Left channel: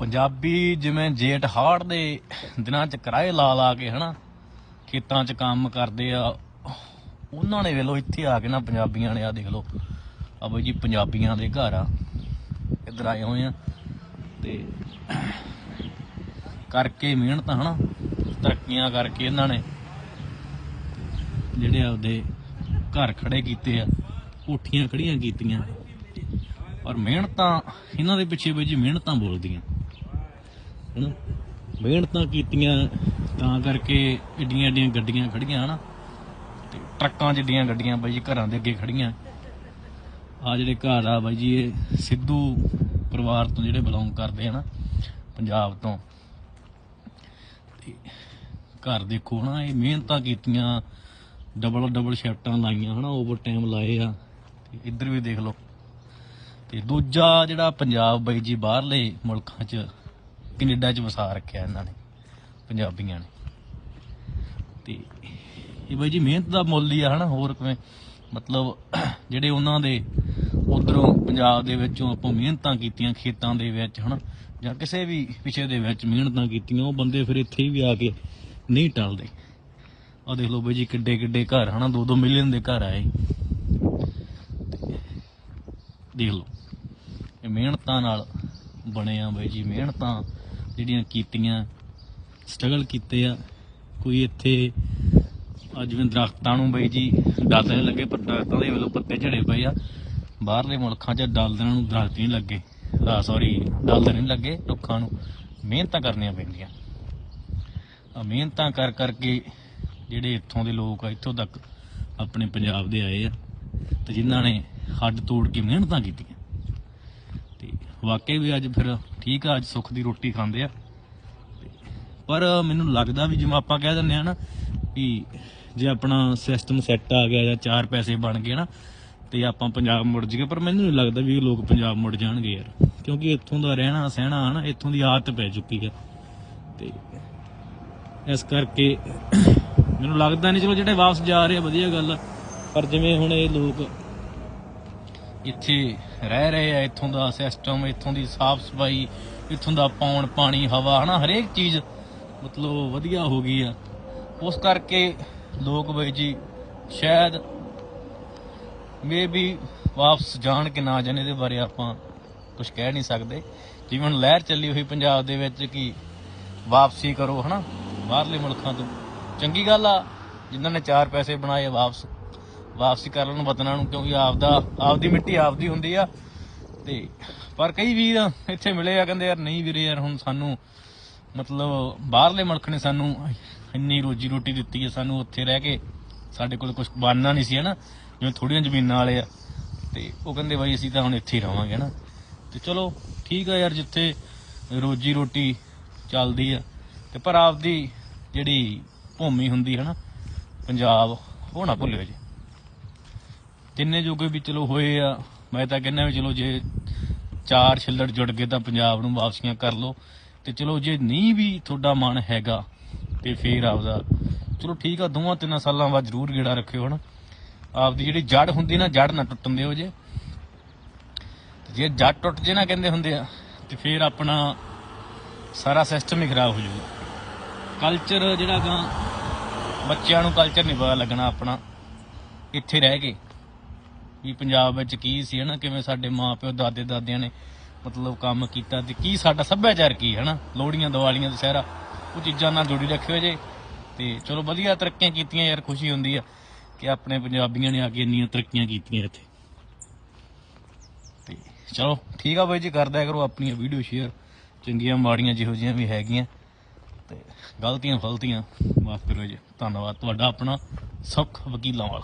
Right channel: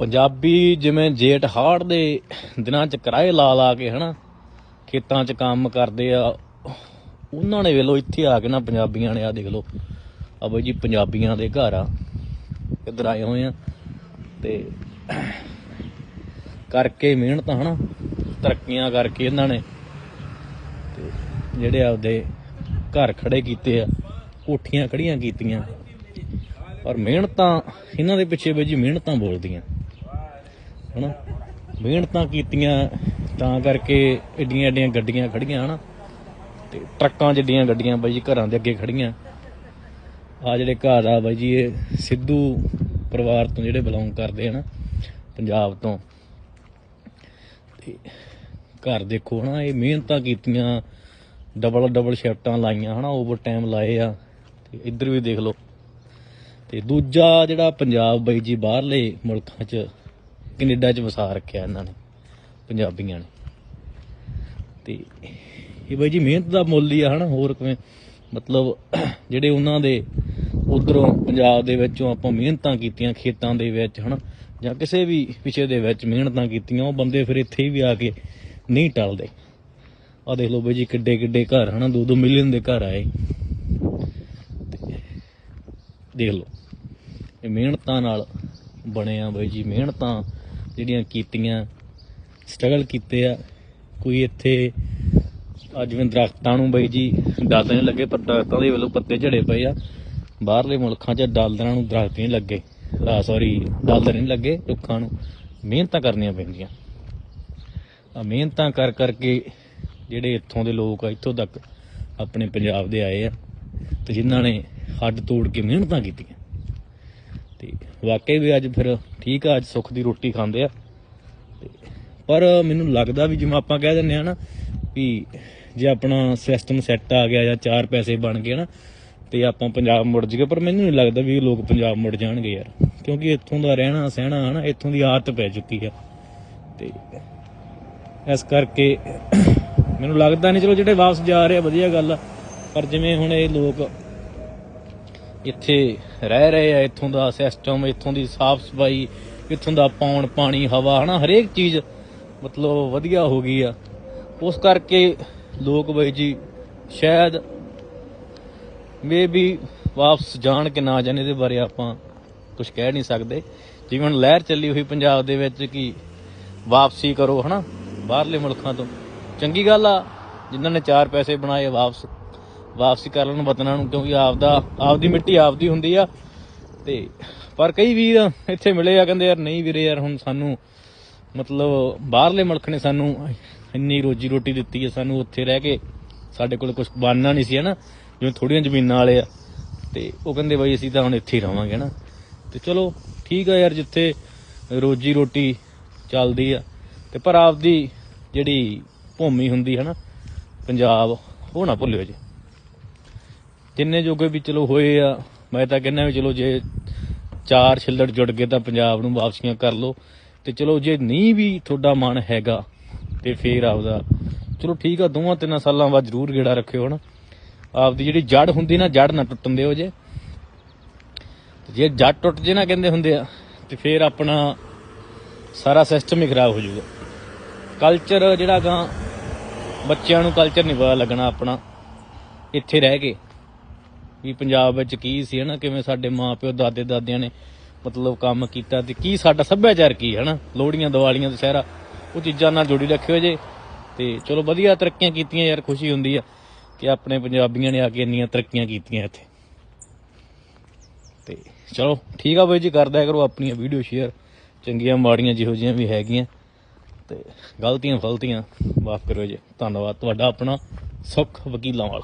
ਪੰਜਾਬੀ ਜਿਵੇਂ ਜੇਠ ਹਾੜ ਦੇ ਦਿਨਾਂ ਚ ਕਿਰਾਏ ਲਾ ਲਾ ਕੇ ਹਨਾ, ਖੇਤਾਂ 'ਚ ਕੰਮ ਕਰਦੇ ਆ, ਉਹਨਾਂ ਨੇ ਵੇਲੋ ਇੱਥੇ ਆ ਕੇ ਨਾ ਪੰਜਾਬੀਆਂ ਨੇ ਆ ਦੇਖ ਲਓ। ਆ ਬਈ ਜੀ ਪੰਜਾਬੀਆਂ ਦੇ ਘਰ ਆ, ਇੱਧਰ ਆਏ ਹੋਏ ਆ ਤੇ ਕਰਕੇ ਮਿਹਨਤ ਹਨਾ, ਤਰੱਕੀਆਂ ਕਰਕੇ ਇਹਨਾਂ ਨੇ ਤੇ ਜਿਹੜੇ ਆਪਦੇ ਘਰ ਖੜੇ ਕੀਤੇ ਆ, ਕੋਠੀਆਂ ਖੜੀਆਂ ਕੀਤੀਆਂ। ਪਰ ਮਿਹਨਤਾਂ, ਇਹਨਾਂ ਦੇ ਪਿੱਛੇ ਬਈ ਜੀ ਮਿਹਨਤਾਂ ਬੋਲਦੀਆਂ। ਹਨਾ? ਮਿਹਨਤਾਂ ਕੀਤੀਆਂ ਤਾਂ ਕਰਕੇ ਏਡੀਆਂ ਏਡੀਆਂ ਗੱਡੀਆਂ ਖੜੀਆਂ, ਹਨਾ? ਤੇ ਟਰੱਕਾਂ ਜਿੱਡੀਆਂ ਗੱਡੀਆਂ ਬਾਈ ਜੀ ਘਰਾਂ ਦੇ ਅੱਗੇ ਖੜੀਆਂ। ਆ ਜਿਹੜੇ ਘਰ ਆ ਬਾਈ ਜੀ, ਇਹ ਸਿੱਧੂ ਪਰਿਵਾਰ ਤੋਂ ਜਿਹੜੇ ਬਿਲੋਂਗ ਕਰਦੇ, ਹਨਾ? ਪੰਜਾਬ ਤੋਂ। ਤੇ ਘਰ ਦੇਖੋ, ਹਨਾ? ਇਹ ਮਿਹਨਤਾਂ ਕੀਤੀਆਂ ਡਬਲ ਡਬਲ ਸ਼ਰਟਾਂ ਲਾਈਆਂ, ਹਨਾ? ਓਵਰ ਟਾਈਮ ਲਾਏ ਆ। ਇੱਧਰ ਵੀ ਦੇਖ ਲਓ। ਤੇ ਦੂਜਾ ਜਿਹੜਾ ਪੰਜਾਬ ਬਾਈ ਜੀ ਬਾਹਰਲੇ ਮੁਲਕਾਂ 'ਚ ਕੈਨੇਡਾ 'ਚ ਵਸਾ ਰੱਖਿਆ ਇਹਨਾਂ ਨੇ, ਪੰਜਾਬੀਆਂ ਨੇ। ਤੇ ਇਹ ਬਾਈ ਜੀ ਮਿਹਨਤ ਦਾ ਮੁੱਲ ਹੀ ਆ ਹਨਾ, ਹੋਰ ਕਿਵੇਂ? ਮਤਲਬ ਜਿਹੜੇ ਉਹਨਾਂ ਦੇ ਉਧਰੋਂ ਪੰਜਾਬ ਦੇ ਵਿੱਚੋਂ ਆਪਾਂ ਮਿਹਨਤਾਂ ਕੀਤੀਆਂ ਖੇਤਾਂ ਦੇ ਵਿੱਚ ਹਨਾ, ਜਾਂ ਕਿਸੇ ਵੀ ਵਿਸ਼ੇ ਦੇ ਵਿੱਚ ਮਿਹਨਤਾਂ ਕੀਤੀਆਂ, ਉਹ ਬੰਦੇ ਫਿਰ ਇੱਥੇ ਵੀ ਆ ਕੇ ਨਹੀਂ ਟਲਦੇ। ਆ ਦੇਖ ਲਓ ਬਾਈ ਜੀ ਕਿੱਡੇ ਕਿੱਡੇ ਘਰ ਹਨਾ 2-2 ਮਿਲੀਅਨ ਦੇ ਘਰ ਆਏ। ਦੇਖ ਲਓ, ਇਹ ਮਿਹਨਤਾਂ ਨਾਲ ਬਣਿਆ ਬਾਈ ਜੀ, ਮਿਹਨਤਾਂ ਜਿਹੜੀਆਂ ਕੀਤੀਆਂ ਸਟਰਗਲ ਕੀਤੇ ਆ। ਕੋਈ ਇੱਥੇ, ਅੱਜ ਜਿਵੇਂ ਦਰਖਤਾਂ ਨੂੰ ਬਈ ਜੀ ਦਾਦਾਂ ਨਹੀਂ ਲੱਗੇ, ਪੱਤਾ ਉਹਦੇ ਵੱਲੋਂ ਪੱਤੇ ਝੜੇ ਪਏ ਆ। ਬਾਹਰਲੇ ਮੁਲਕਾਂ 'ਚ ਡਾਲਰਾਂ ਨੂੰ ਦਰਖਤ ਨਹੀਂ ਲੱਗੇ। ਆ ਸੌਰੀ ਡਾਲਰ ਨਹੀਂ ਲੱਗੇ ਰੁੱਖਾਂ ਨੂੰ। ਮਿਹਨਤਾਂ ਕਰਨੀਆਂ ਪੈਂਦੀਆਂ। ਆ, ਮਿਹਨਤਾਂ ਕਰ ਕਰਕੇ ਜਿਹੜੇ ਇੱਥੋਂ ਦੇ ਲੋਕ ਆ, ਇੱਥੋਂ ਤੱਕ ਆਪਣੇ ਪੰਜਾਬ ਦੇ ਆਏ ਆ ਤੇ ਜਿਨ੍ਹਾਂ ਨੇ ਹੱਡ ਤੋੜ ਕੇ ਮਿਹਨਤਾਂ ਕੀਤੀਆਂ। ਤੇ ਵਾਕਈ ਵੀ ਅੱਜ ਫਿਰ ਠੀਕ ਆ, ਅੱਜ ਸੁੱਖ ਦੀ ਰੋਟੀ ਖਾਂਦੇ ਆ। ਤੇ ਪਰ ਮੈਨੂੰ ਲੱਗਦਾ ਵੀ ਜਿਵੇਂ ਆਪਾਂ ਕਹਿ ਦਿੰਦੇ ਆ ਨਾ ਵੀ ਜੇ ਆਪਣਾ ਸਿਸਟਮ ਸੈੱਟ ਆ ਗਿਆ ਜਾਂ ਚਾਰ ਪੈਸੇ ਬਣ ਗਏ ਨਾ, ਤੇ ਆਪਾਂ ਪੰਜਾਬ ਮੁੜ ਜਾਈਏ ਪਰ ਮੈਨੂੰ ਨਹੀਂ ਲੱਗਦਾ ਵੀ ਇਹ ਲੋਕ ਪੰਜਾਬ ਮੁੜ ਜਾਣਗੇ ਯਾਰ। ਕਿਉਂਕਿ ਇੱਥੋਂ ਦਾ ਰਹਿਣਾ, ਸਹਿਣਾ ਹਨਾ, ਇੱਥੋਂ ਦੀ ਆਦਤ ਪੈ ਚੁੱਕੀ ਆ। ਤੇ ਇਸ ਕਰਕੇ ਮੈਨੂੰ ਲੱਗਦਾ ਨਹੀਂ, ਚਲੋ ਜਿਹੜੇ ਵਾਪਸ ਜਾ ਰਹੇ ਆ, ਵਧੀਆ ਗੱਲ ਆ। ਪਰ ਜਿਵੇਂ ਹੁਣ ਇਹ ਲੋਕ ਇੱਥੇ ਰਹਿ ਰਹੇ ਆ, ਇੱਥੋਂ ਦਾ ਸਿਸਟਮ ਇੱਥੋਂ ਦੀ ਸਾਫ਼ ਸਫ਼ਾਈ, ਇੱਥੋਂ ਦਾ ਪਾਉਣ, ਪਾਣੀ, ਹਵਾ, ਹਨਾ, ਹਰੇਕ ਚੀਜ਼ ਮਤਲਬ ਵਧੀਆ ਹੋ ਗਈ ਆ। ਉਸ ਕਰਕੇ ਲੋਕ ਬਈ ਜੀ ਸ਼ਾਇਦ ਮੇ ਵੀ ਵਾਪਸ ਜਾਣ ਕਿ ਨਾ ਜਾਣ, ਇਹਦੇ ਬਾਰੇ ਆਪਾਂ ਕੁਝ ਕਹਿ ਨਹੀਂ ਸਕਦੇ। ਜਿਵੇਂ ਹੁਣ ਲਹਿਰ ਚੱਲੀ ਹੋਈ ਪੰਜਾਬ ਦੇ ਵਿੱਚ ਕਿ ਵਾਪਸੀ ਕਰੋ, ਹਨਾ, ਬਾਹਰਲੇ ਮੁਲਕਾਂ ਤੋਂ। ਚੰਗੀ ਗੱਲ ਆ, ਜਿਨ੍ਹਾਂ ਨੇ ਚਾਰ ਪੈਸੇ ਬਣਾਏ ਵਾਪਸ। ਵਾਪਸੀ ਕਰ ਲੈਣ ਵਤਨਾਂ ਨੂੰ, ਕਿਉਂਕਿ ਆਪਦਾ, ਆਪਦੀ ਮਿੱਟੀ ਆਪਦੀ ਹੁੰਦੀ ਆ। ਤੇ ਪਰ ਕਈ ਵੀਰ ਇੱਥੇ ਮਿਲੇ ਆ, ਕਹਿੰਦੇ ਯਾਰ ਨਹੀਂ ਵੀਰੇ ਯਾਰ, ਹੁਣ ਸਾਨੂੰ ਮਤਲਬ ਬਾਹਰਲੇ ਮੁਲਕ ਨੇ ਸਾਨੂੰ ਇੰਨੀ ਰੋਜੀ ਰੋਟੀ ਦਿੱਤੀ ਹੈ ਸਾਨੂੰ ਉੱਥੇ ਰਹਿ ਕੇ ਸਾਡੇ ਕੋਲ ਕੁਝ ਬਣਨਾ ਨਹੀਂ ਸੀ ਹਨਾ ਜਿਵੇਂ ਥੋੜੀਆਂ ਜ਼ਮੀਨਾਂ ਵਾਲੇ ਆ। ਤੇ ਉਹ ਕਹਿੰਦੇ ਬਈ ਅਸੀਂ ਤਾਂ ਹੁਣ ਇੱਥੇ ਹੀ ਰਵਾਂਗੇ ਨਾ? ਤੇ ਚਲੋ ਠੀਕ ਆ ਯਾਰ, ਜਿੱਥੇ ਰੋਜੀ ਰੋਟੀ ਚੱਲਦੀ ਆ। ਤੇ ਪਰ ਆਪਦੀ ਜਿਹੜੀ ਭੂਮੀ ਹੁੰਦੀ, ਹੈ ਨਾ, ਪੰਜਾਬ, ਉਹ ਨਾ ਭੁੱਲਿਓ ਜੀ। ਜਿੰਨੇ ਜੋਗੇ ਵੀ ਚਲੋ ਹੋਏ ਆ, ਮੈਂ ਤਾਂ ਕਹਿੰਦਾ ਵੀ ਚਲੋ ਜੇ ਚਾਰ ਛਿੱਲੜ ਜੁੜ ਗਏ ਤਾਂ ਪੰਜਾਬ ਨੂੰ ਵਾਪਸੀਆਂ ਕਰ ਲਓ। ਤੇ ਚਲੋ ਜੇ ਨਹੀਂ ਵੀ ਤੁਹਾਡਾ ਮਨ ਹੈਗਾ, ਤੇ ਫੇਰ ਆਪਦਾ। ਚਲੋ ਠੀਕ ਆ, ਦੋਵਾਂ ਤਿੰਨਾਂ ਸਾਲਾਂ ਬਾਅਦ ਜ਼ਰੂਰ ਗੇੜਾ ਰੱਖਿਓ ਹਨਾ। ਆਪਦੀ ਜਿਹੜੀ ਜੜ ਹੁੰਦੀ ਨਾ ਜੜ ਨਾ ਟੁੱਟਣ ਦਿਓ ਜੇ। ਜੇ ਜੜ ਟੁੱਟ ਜੇ ਨਾ ਕਹਿੰਦੇ ਹੁੰਦੇ ਆ, ਤੇ ਫੇਰ ਆਪਣਾ ਸਾਰਾ ਸਿਸਟਮ ਹੀ ਖਰਾਬ ਹੋ ਜਾਊਗਾ। ਕਲਚਰ ਜਿਹੜਾ ਗਾ, ਬੱਚਿਆਂ ਨੂੰ ਕਲਚਰ ਨਹੀਂ ਪਤਾ ਲੱਗਣਾ ਆਪਣਾ। ਇੱਥੇ ਰਹਿ ਕੇ। ਵੀ ਪੰਜਾਬ ਵਿੱਚ ਕੀ ਸੀ, ਹਨਾ? ਕਿਵੇਂ ਸਾਡੇ ਮਾਪਿਓ ਦਾਦੇ ਦਾਦਿਆਂ ਨੇ ਮਤਲਬ ਕੰਮ ਕੀਤਾ ਤੇ ਕੀ ਸਾਡਾ ਸੱਭਿਆਚਾਰ ਕੀ ਹਨਾ? ਲੋਹੜੀਆਂ, ਦੀਵਾਲੀਆਂ, ਦੁਸਹਿਰਾ, ਉਹ ਚੀਜ਼ਾਂ ਨਾਲ ਜੁੜੀ ਰੱਖਿਓ ਜੇ। ਤੇ ਚਲੋ ਵਧੀਆ ਤਰੱਕੀਆਂ ਕੀਤੀਆਂ ਯਾਰ, ਖੁਸ਼ੀ ਹੁੰਦੀ ਆ ਕਿ ਆਪਣੇ ਪੰਜਾਬੀਆਂ ਨੇ ਆ ਕੇ ਇੰਨੀਆਂ ਤਰੱਕੀਆਂ ਕੀਤੀਆਂ ਇੱਥੇ। ਤੇ ਚਲੋ, ਠੀਕ ਆ ਬਾਈ ਜੀ ਕਰਦਾ ਕਰੋ ਆਪਣੀਆਂ ਵੀਡੀਓ ਸ਼ੇਅਰ। ਚੰਗੀਆਂ, ਮਾੜੀਆਂ ਜਿਹੋ ਜਿਹੀਆਂ ਵੀ ਹੈਗੀਆਂ। ਤੇ ਗਲਤੀਆਂ ਫਲਤੀਆਂ ਮਾਫ ਕਰੋ ਜੀ। ਧੰਨਵਾਦ। ਤੁਹਾਡਾ ਆਪਣਾ ਸੁਖ ਵਕੀਲਾਂ ਨਾਲ।